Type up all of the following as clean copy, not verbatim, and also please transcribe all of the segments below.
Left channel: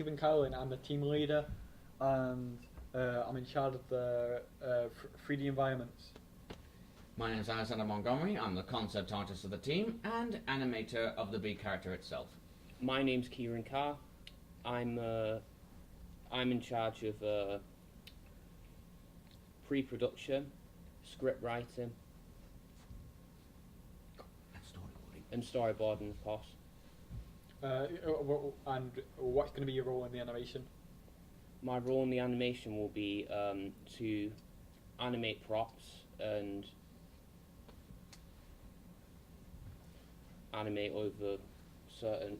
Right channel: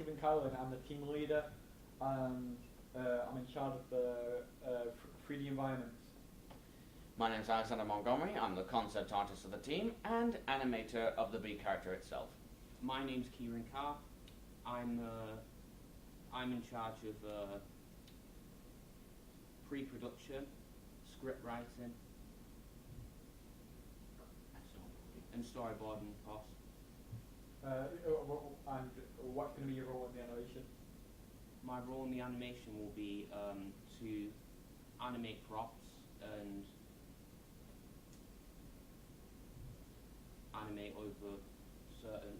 Stephen Carlin. I'm the team leader, and I'm in charge of the 3D environments. My name is Alexander Montgomery. I'm the concept artist of the team and animator of the bee character itself. My name's Kieran Carr. I'm in charge of pre-production, script writing, and storyboarding, of course. And what's going to be your role in the animation? My role in the animation will be to animate props and animate over certain,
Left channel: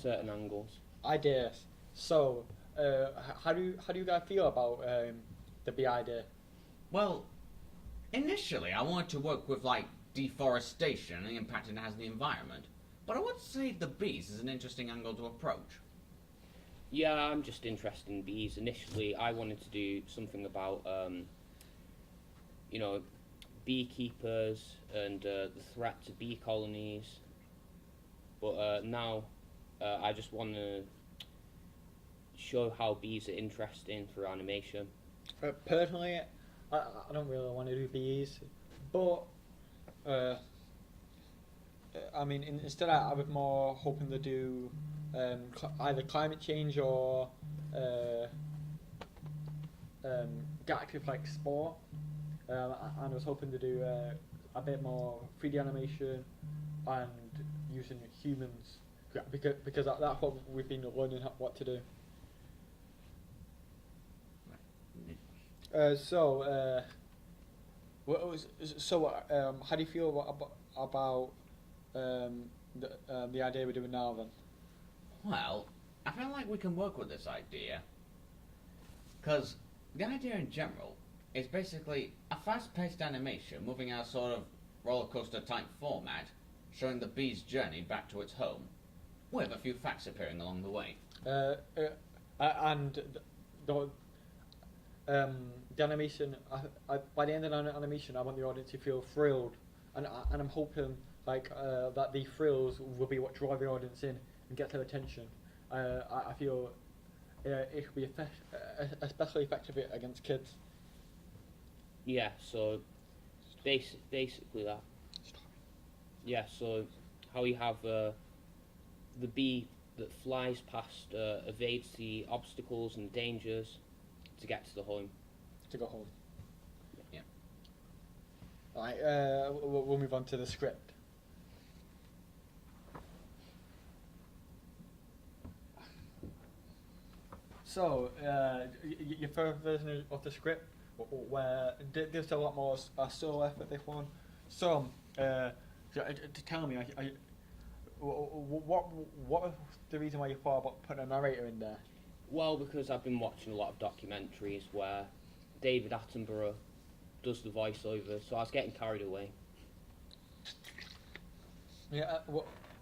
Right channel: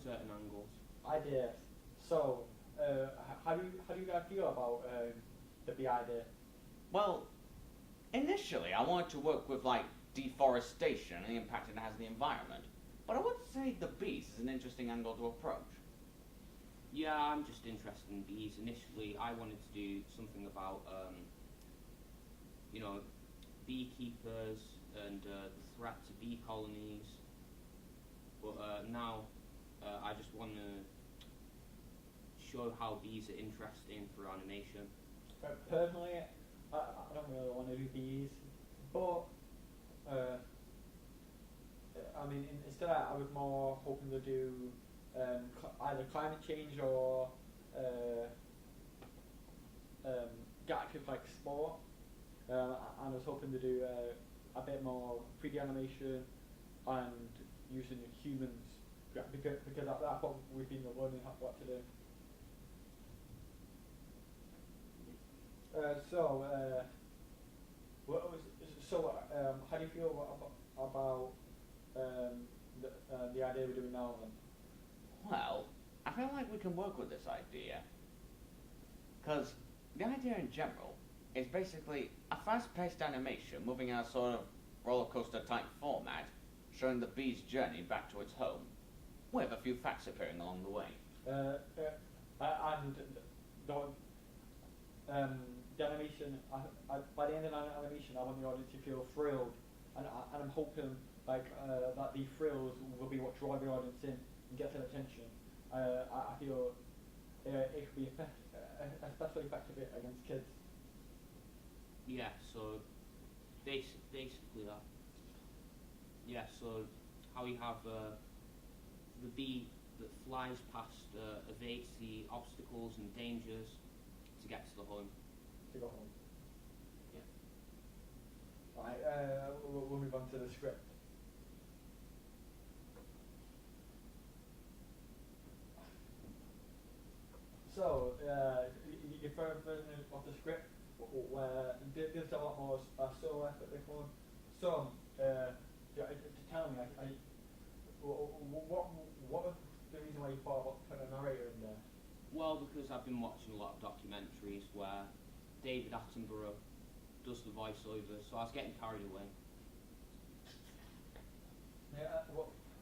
certain angles. Ideas. So, how do you guys feel about the bee idea? Well, initially I wanted to work with like deforestation and the impact it has on the environment, but I would say the bees is an interesting angle to approach. Yeah, I'm just interested in bees. Initially, I wanted to do something about, beekeepers and the threat to bee colonies. But now, I just want to show how bees are interesting for animation. Personally, I don't really want to do bees, but I mean, instead I was more hoping to do either climate change or active like sport. And I was hoping to do a bit more 3D animation and using humans because that's what we've been learning what to do. How do you feel about the idea we're doing now then? Well, I feel like we can work with this idea, because the idea in general is basically a fast-paced animation moving in a sort of roller coaster type format, showing the bee's journey back to its home, with a few facts appearing along the way. And the animation, by the end of the animation, I want the audience to feel thrilled, and I'm hoping that the thrills will be what draw the audience in and get their attention. I feel it could be especially effective against kids. Yeah, so basically that. Yeah, so how you have the bee that flies past, evades the obstacles and dangers to get to the home. To go home. Yeah. Right, we'll move on to the script. So, your first version of the script, where there's a lot more solo effort this one. So, to tell me, what was the reason why you thought about putting a narrator in there? Well, because I've been watching a lot of documentaries where David Attenborough does the voiceover, so I was getting carried away. Yeah,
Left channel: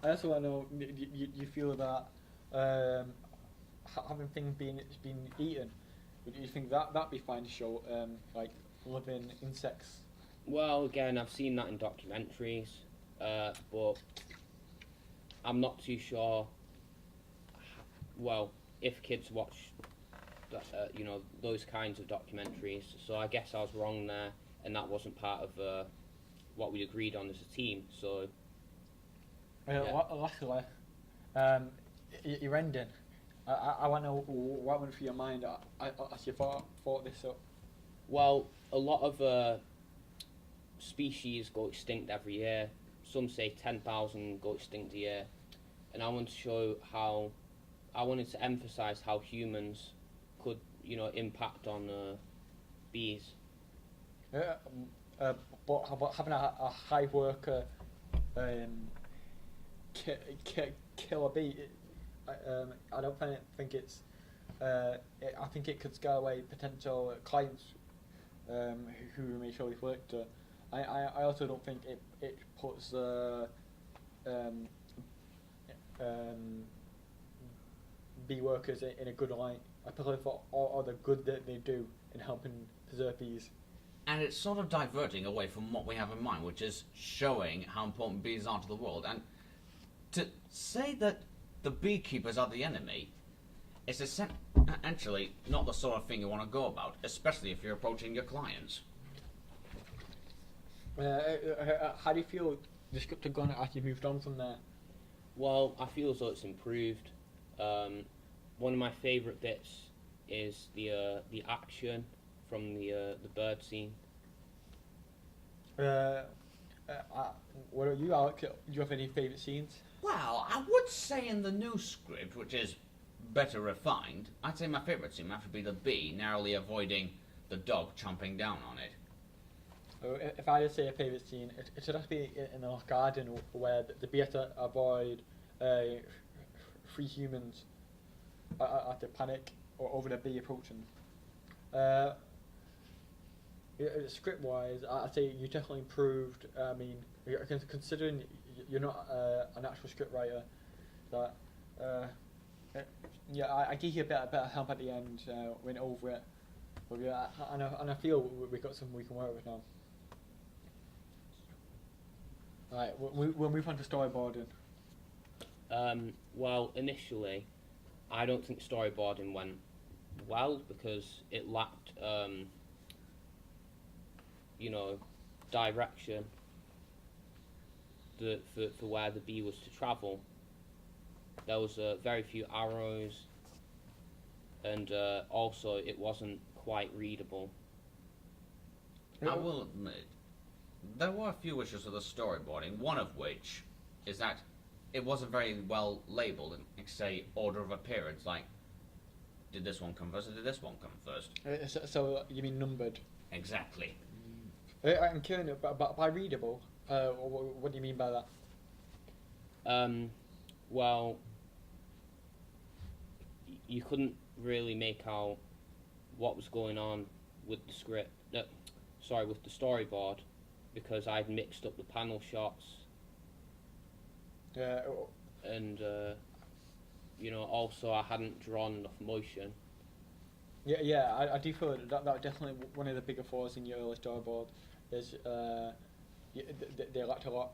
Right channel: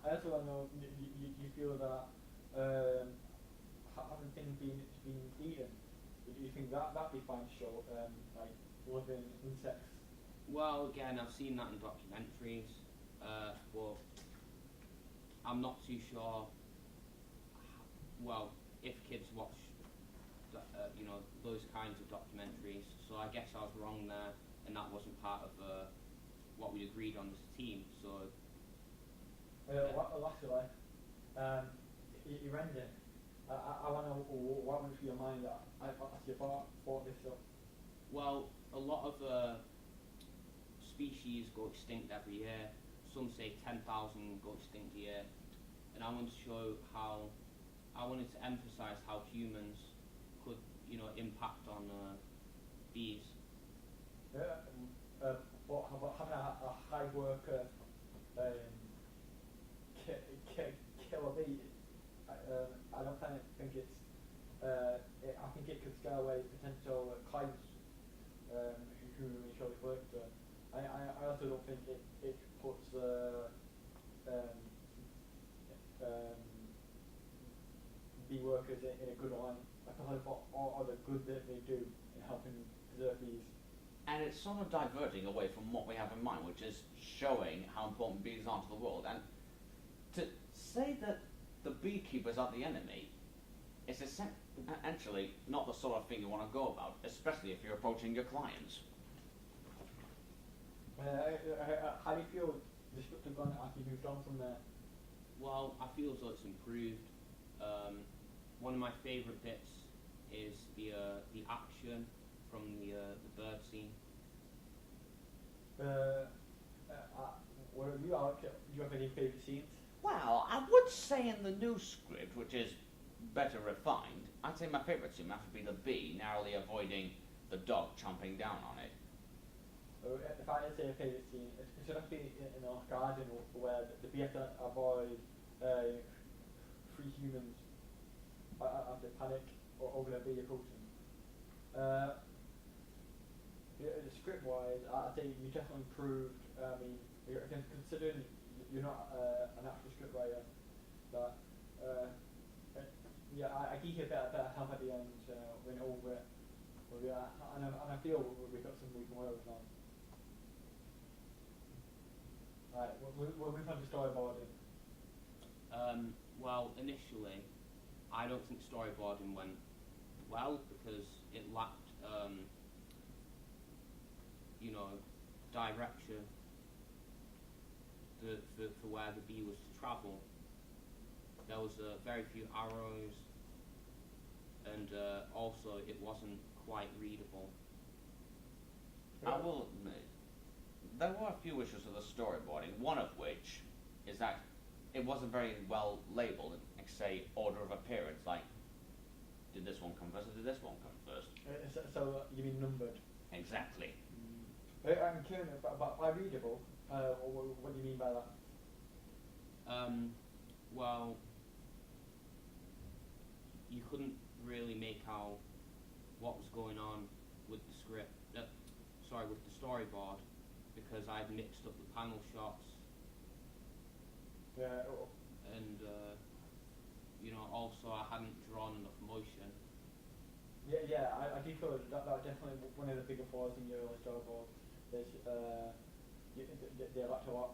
I also want to know, you feel that having things being eaten, do you think that'd be fine to show, like living insects? Well, again, I've seen that in documentaries, but I'm not too sure. Well, if kids watch, those kinds of documentaries, so I guess I was wrong there, and that wasn't part of what we agreed on as a team. So. Lastly, your ending. I want to know what went through your mind as you thought this up. Well, a lot of species go extinct every year. Some say 10,000 go extinct a year, and I wanted to emphasise how humans could, impact on bees. But having a hive worker kill a bee, I don't think it's. I think it could scare away potential clients who may show this work to. I also don't think it puts bee workers in a good light. I prefer for all the good that they do in helping preserve bees. And it's sort of diverting away from what we have in mind, which is showing how important bees are to the world. And to say that the beekeepers are the enemy, it's essentially not the sort of thing you want to go about, especially if you're approaching your clients. How do you feel the script had gone as you moved on from there? Well, I feel as though it's improved. One of my favourite bits is the action from the bird scene. What are you, Alex? Do you have any favourite scenes? Well, I would say in the new script, which is better refined, I'd say my favourite scene might have to be the bee narrowly avoiding the dog chomping down on it. If I had to say a favourite scene, it should have to be in a garden where the bee had to avoid three humans at the panic or over the bee approaching. Script-wise, I'd say you definitely improved. I mean, considering you're not an actual scriptwriter, that yeah, I gave you a better help at the end. Went over it, and I feel we've got something we can work with now. Alright, we'll move on to storyboarding. Well, initially, I don't think storyboarding went well because it lacked, direction for where the bee was to travel. There was very few arrows, and also it wasn't quite readable. I will admit, there were a few issues with the storyboarding, one of which is that it wasn't very well labelled, like say order of appearance, like did this one come first or did this one come first? So you mean numbered? Exactly. And Kieran, by readable, what do you mean by that? Well, you couldn't really make out what was going on with the script. With the storyboard, because I'd mixed up the panel shots. And also I hadn't drawn enough motion. Yeah, I do feel that was definitely one of the bigger flaws in your early storyboard. Is they lacked a lot.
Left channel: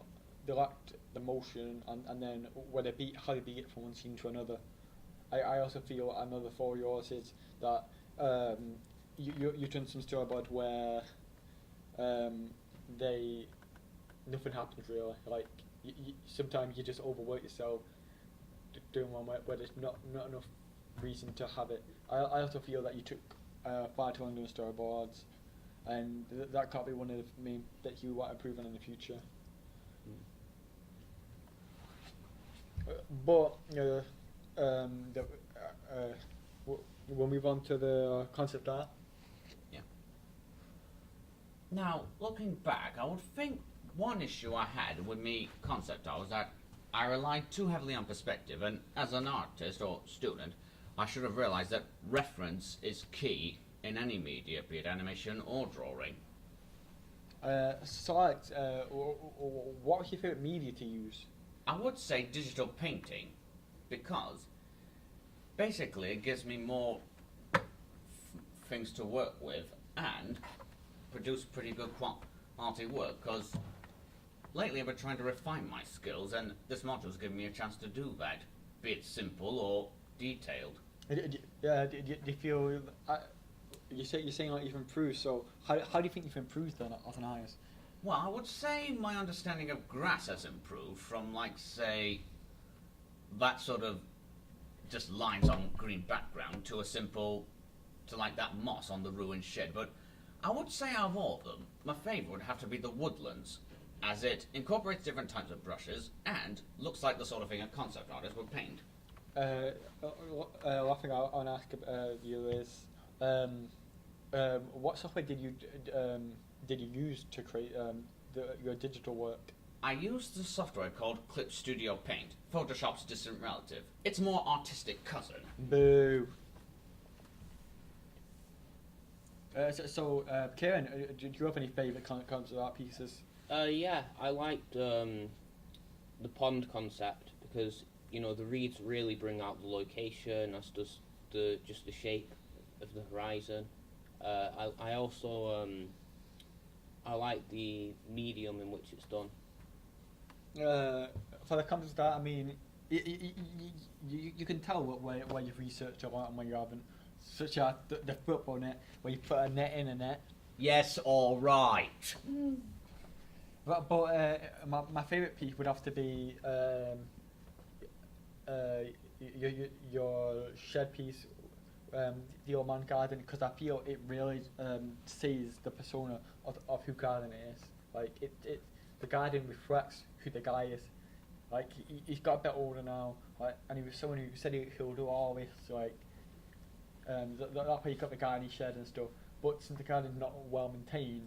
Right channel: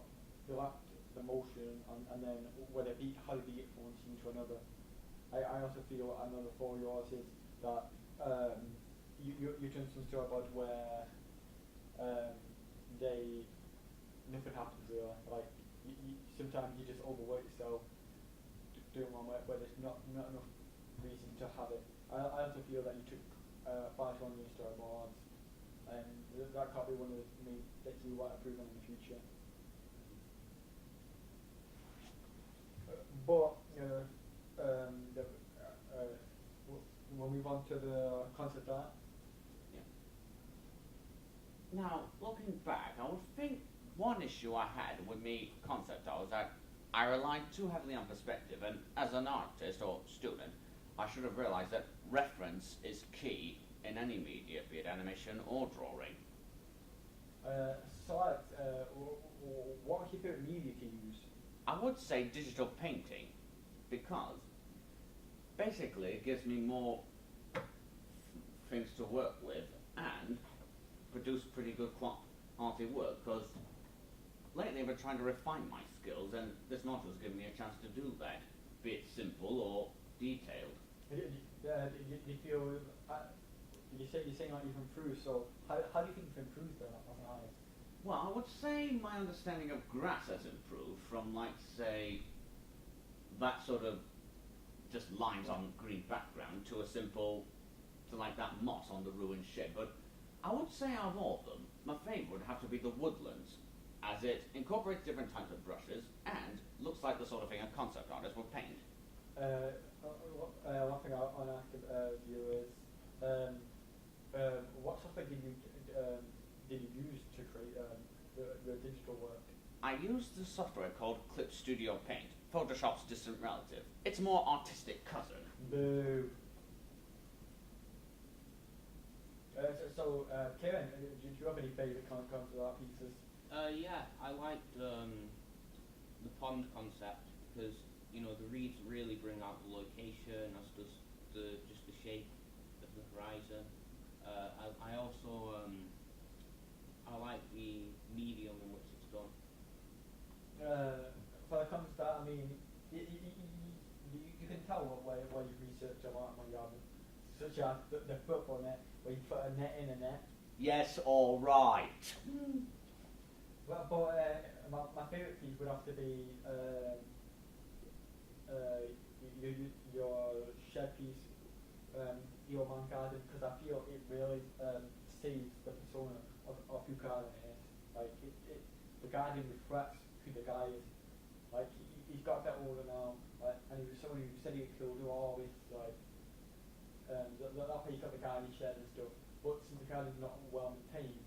They lacked the motion, and then how they beat it from one scene to another. I also feel another flaw of yours is that you've done some storyboard where nothing happens really. Like sometimes you just overwork yourself doing one where there's not enough reason to have it. I also feel that you took far too long doing storyboards, and that can't be one of the main that you want to improve on in the future. We'll move on to the concept art. Yeah. Now, looking back, I would think one issue I had with me concept art was that I relied too heavily on perspective, and as an artist or student, I should have realised that reference is key in any media, be it animation or drawing. So Alex, what was your favourite media to use? I would say digital painting, because basically it gives me more things to work with and produce pretty good quality work, because lately I've been trying to refine my skills, and this module's given me a chance to do that, be it simple or detailed. Do you feel you're saying like you've improved? So how do you think you've improved then as an artist? Well, I would say my understanding of grass has improved from, like, say, that sort of just lines on green background to like that moss on the ruined shed. But I would say out of all of them, my favourite would have to be the woodlands, as it incorporates different types of brushes and looks like the sort of thing a concept artist would paint. One thing I want to ask you is, what software did you use to create your digital work? I used the software called Clip Studio Paint, Photoshop's distant relative. It's more artistic cousin. Boo. Kieran, do you have any favourite concept art pieces? Yeah, I liked the pond concept because the reeds really bring out the location, as does the shape of the horizon. I also I like the medium in which it's done. For the concept art, I mean, you can tell where you've researched a lot and where you haven't. Such as the football net, where you put a net in a net. Yes, all right. But my favourite piece would have to be your shed piece, the old man garden, because I feel it really sees the persona of who garden is. Like the garden reflects who the guy is. Like he's got a bit older now, like, and he was someone who said he'll do all this, like that's why he got the garden shed and stuff. But since the garden's not well maintained,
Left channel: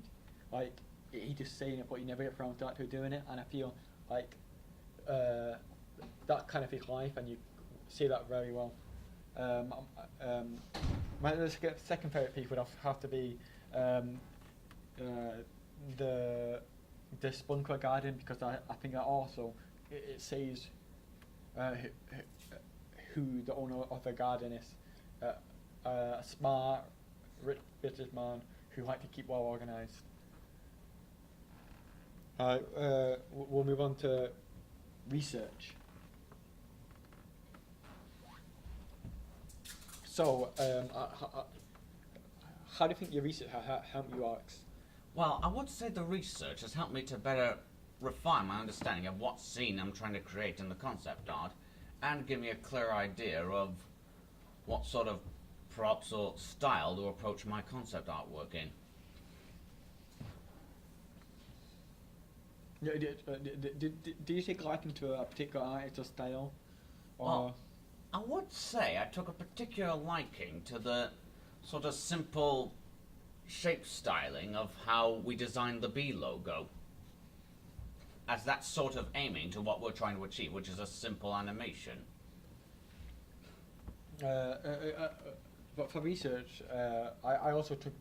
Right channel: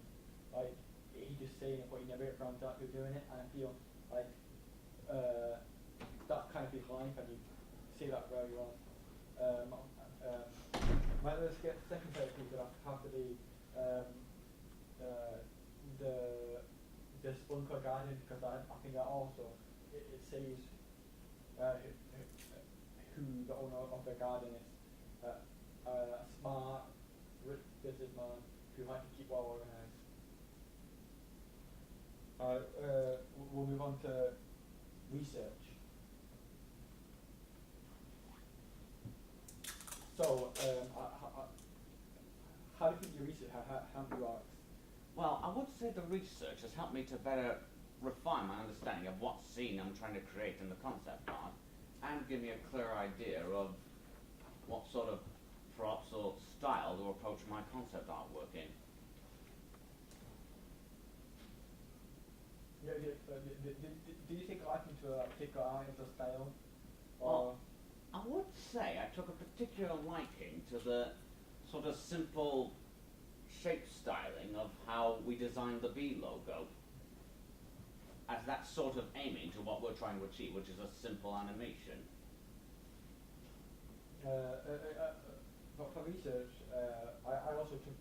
like he just saying it, but he never gets around to actually doing it. And I feel like that kind of his life, and you see that very well. My second favourite piece would have to be the Spunker garden, because I think that also it says who the owner of the garden is. A smart, rich businessman who like to keep well organised. We'll move on to research. So, how do you think your research helped you, Alex? Well, I would say the research has helped me to better refine my understanding of what scene I'm trying to create in the concept art, and give me a clear idea of what sort of props or style to approach my concept artwork in. Do you take liking to a particular artist or style? Or Well, I would say I took a particular liking to the sort of simple shape styling of how we designed the B logo, as that's sort of aiming to what we're trying to achieve, which is a simple animation. But for research, I also took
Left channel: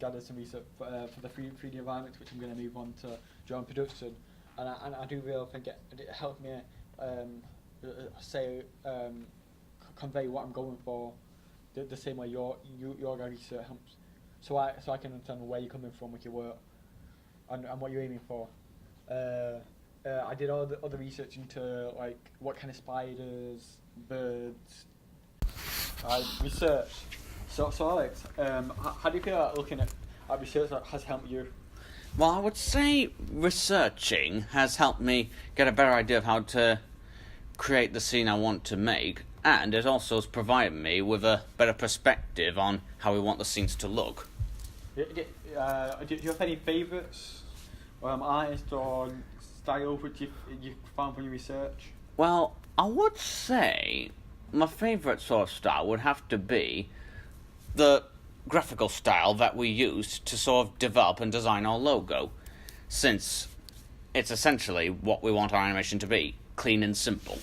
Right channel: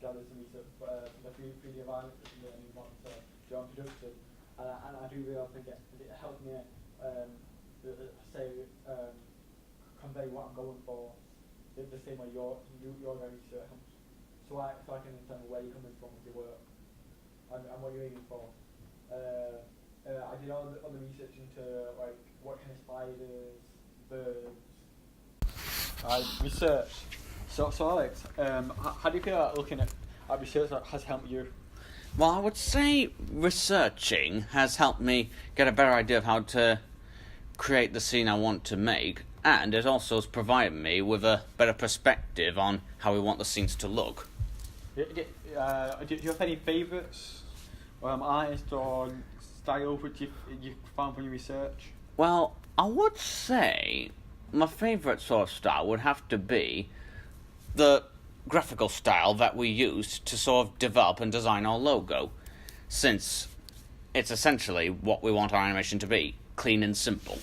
gathered some research for the 3D environments, which I'm going to move on to during production, and I do really think it helped me convey what I'm going for the same way your research helps, so I can understand where you're coming from with your work and what you're aiming for. I did all the other research into like what kind of spiders, birds. I researched. So Alex, how do you feel like looking at research that has helped you? Well, I would say researching has helped me get a better idea of how to create the scene I want to make, and it also has provided me with a better perspective on how we want the scenes to look. Do you have any favourites, artists or style which you found from your research? Well, I would say my favourite sort of style would have to be the graphical style that we used to sort of develop and design our logo, since it's essentially what we want our animation to be, clean and simple.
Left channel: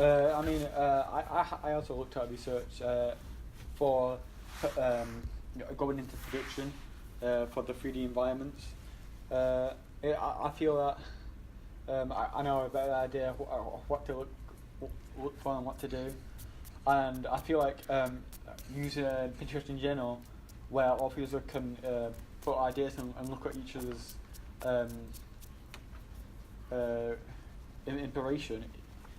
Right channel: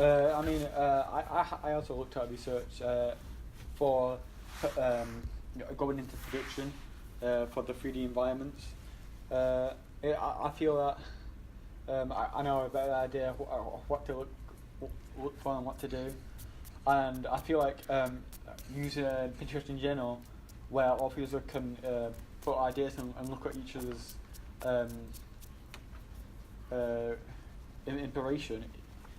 I also looked at research for going into production for the 3D environments. I feel that I know a better idea of what to look for and what to do, and I feel like using Pinterest in general, where all of us can put ideas and look at each other's inspiration.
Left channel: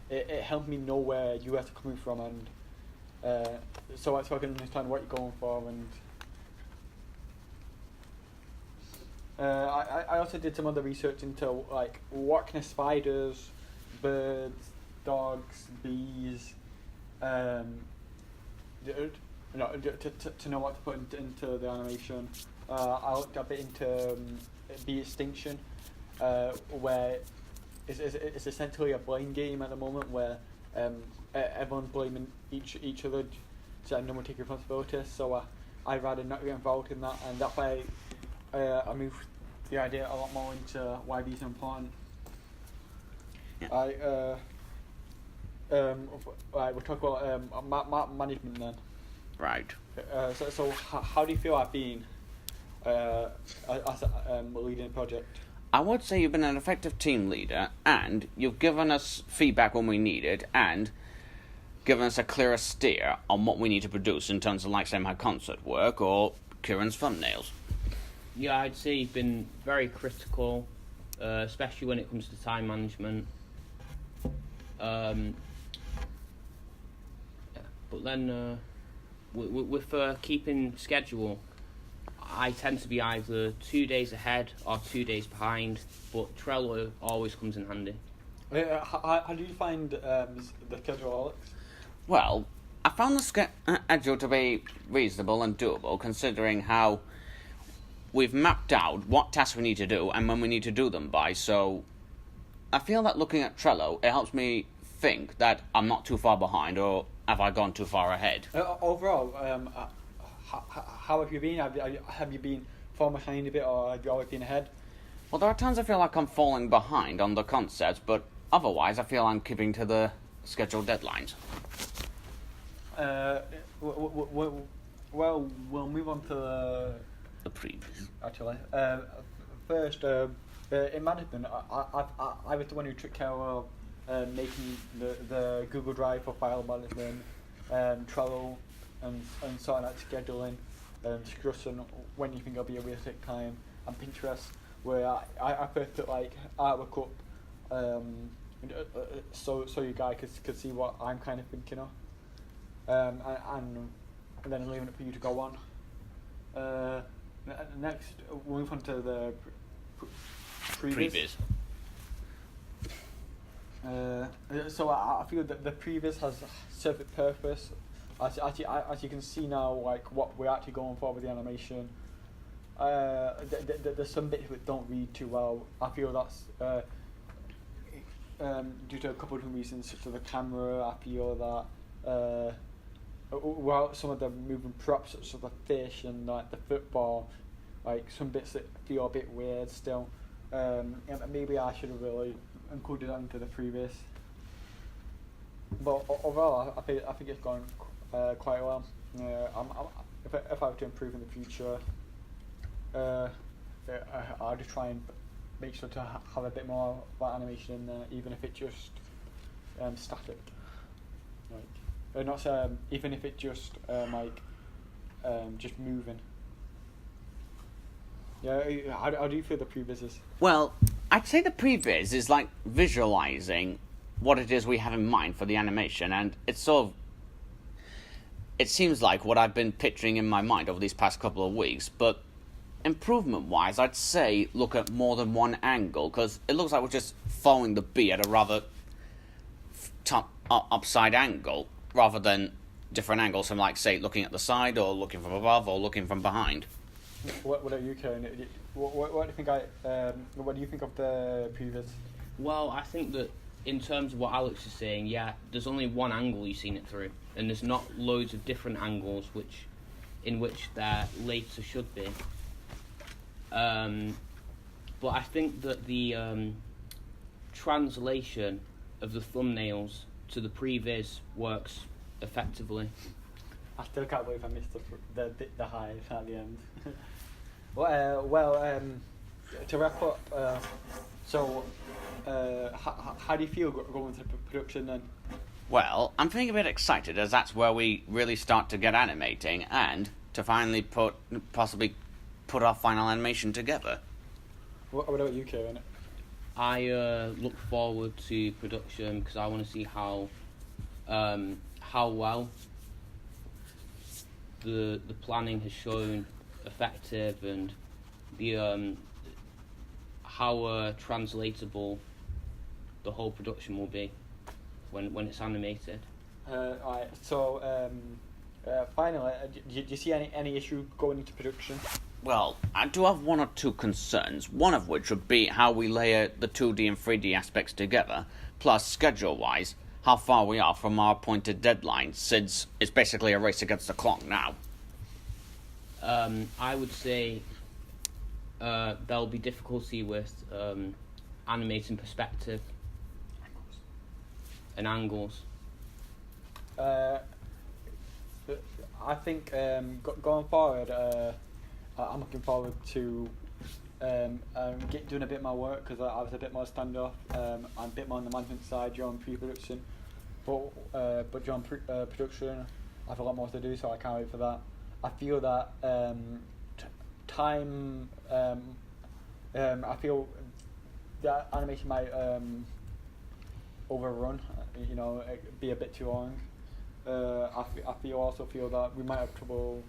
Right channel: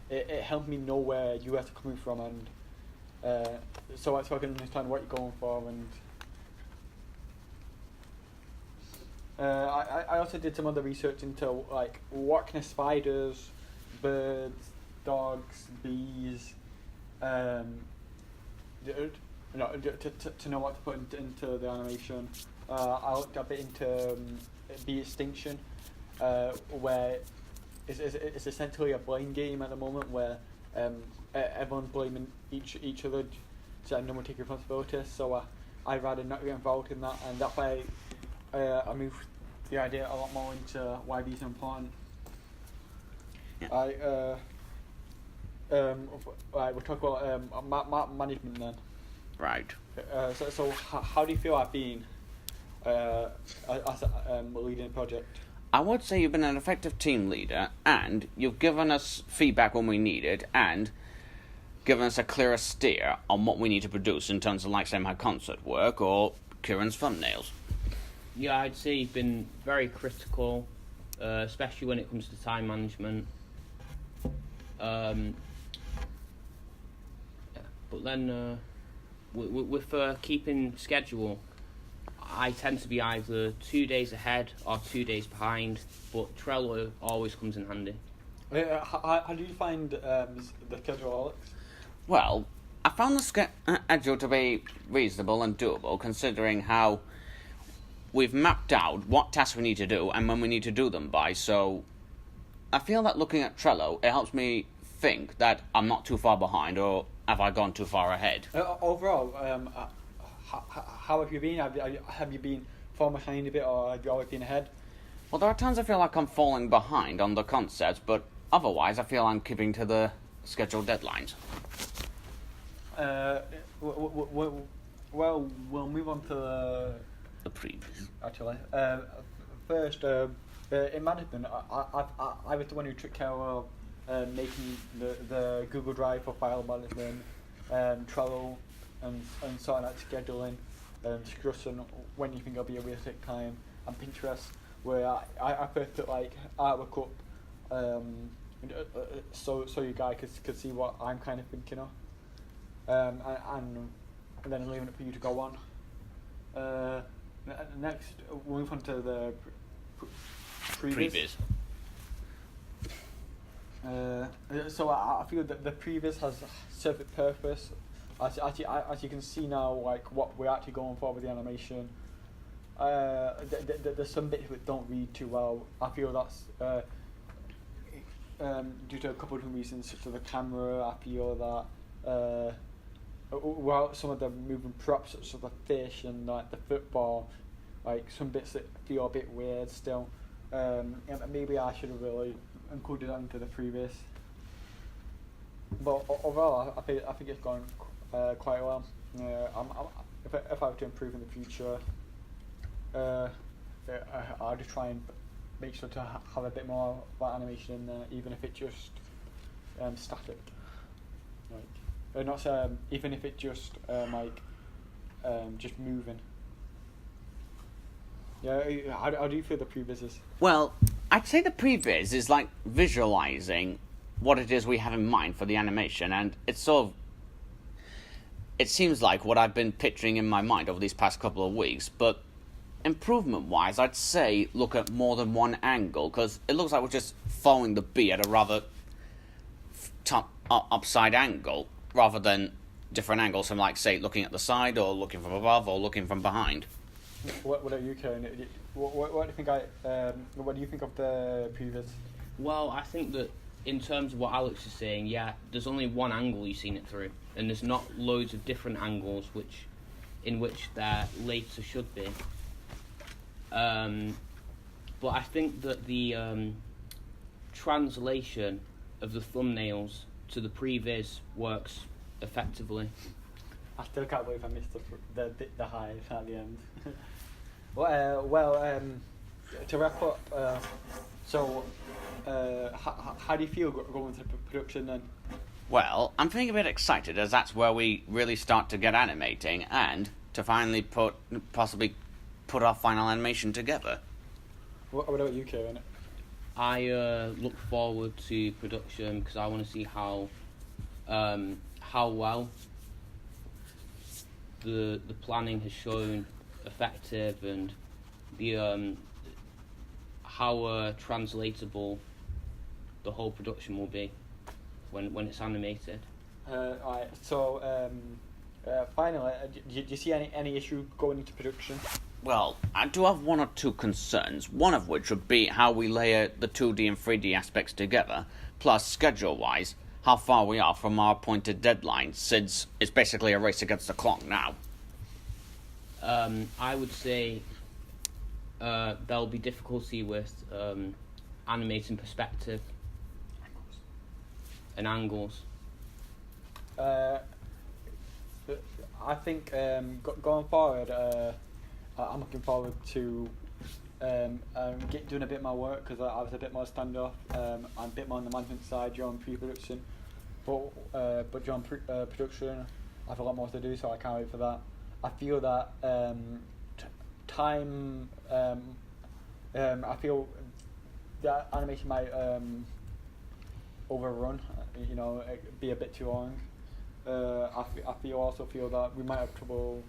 It helped me know where you guys are coming from, and so I can understand what you're going for. And I also did some other research into like what kind of spiders, birds, dogs, bees, to know what to put into the animation. I looked a bit into bee extinction, where it's essentially a blame game at the moment, where everyone's blaming each other, so no one take responsibility. So I'd rather not get involved in that, and that's why I moved the idea a lot more into why bees are important. Yeah. We'll talk about management then. Right. So how do you feel I've been as leading the project? I would say you've been an effective team leader, and you've given us feedback when we need it, and given us a clearer steer on what we need to produce in terms of, like, say, my concert work or Kieran's thumbnails. Yeah, I'd say you've been very critical, especially when it comes to time management. But then with keeping schedule, I tend to be either 2 days ahead or 2 days behind. But Trello always comes in handy. How do you find the schedule, Alex? Well, I found the schedule to be reasonable and doable, considering how we've mapped out what tasks we need to do and when we need to do them by. So I feel that looking at Trello, it helps me think that I'm not too far behind, or have I gone too far ahead. Overall, how have you been? Have you been far behind a bit, or have you always been ahead? Well, there are times I feel like I'm falling behind on the concepts, but otherwise I feel I'm keeping to the scheduled deadlines. Well, we'll move on to The previous. actually. First, in management, I was the one who took care of making the Google Drive for file management, Trello, and sorting out scheduling, discussing when you think it'll be a realistic time, and Pinterest, where I first put like artwork up, so you guys could see what I'm kind of thinking of, and then leaving it for you to go on. Next, we'll move on to the previous. So I feel that the previous has served its purpose. As you can see now, like what we're actually going for with the animation. There's some bits that don't read too well. I feel that's due to a couple of different reasons, such as the camera. I feel that well, some of the moving props, such as the fish and like the football, like some bits that feel a bit weird still. Maybe I should have really included that into the previous. But overall, I think it's gone quite well. If I were to improve in the future, I'll just try and make sure to have a bit more of that animation in there, even if it's just static. Like, not even if it's just just moving. Yeah, how do you feel the previs is? Well, I'd say the previs is like visualizing what it is we have in mind for the animation, and it's sort of, it seems like what I've been picturing in my mind over these past couple of weeks, but improvement-wise, I'd say look at more than one angle, because it looks like we're just following the bee at a rather upside angle, rather than different angles from, like, say, looking at the side, or looking from above, or looking from behind. What are you, Karen? What do you think? What do you think of the previous? Well, I think that in terms of what Alex is saying, yeah, there's only one angle you've seen it through, and there's not loads of different angles in which there later should be. But I think that the translation of the thumbnails to the previs works effectively. I still can't believe I missed the highs at the end. To wrap up, how do you feel going to production then? Well, I'm feeling a bit excited, as that's where we really start to get animating, and to finally possibly put our final animation together. What about you, Kieran? I look forward to production because I want to see how well the planning has shown effective, and the how translatable the whole production will be when it's animated. Alright, so finally, do you see any issue going into production? Well, I do have one or two concerns, one of which would be how we layer the 2D and 3D aspects together, plus schedule-wise, how far we are from our appointed deadline, since it's basically a race against the clock now. I would say there'll be difficulty with animating perspective and angles. I think going forward, I'm looking forward to doing a bit more work, because I was a bit more standoff. I'm a bit more on the management side during pre-production, but during production I have a lot more to do, so I can't wait for that. I feel that time. I feel that animation might overrun. Be a bit too long. I also feel that we might have trouble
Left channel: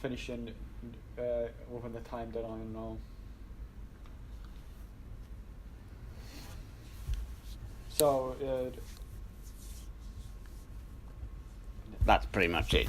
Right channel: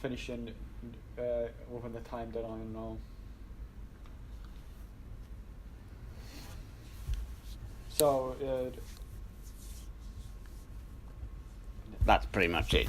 finishing within the time deadline now. So That's pretty much it.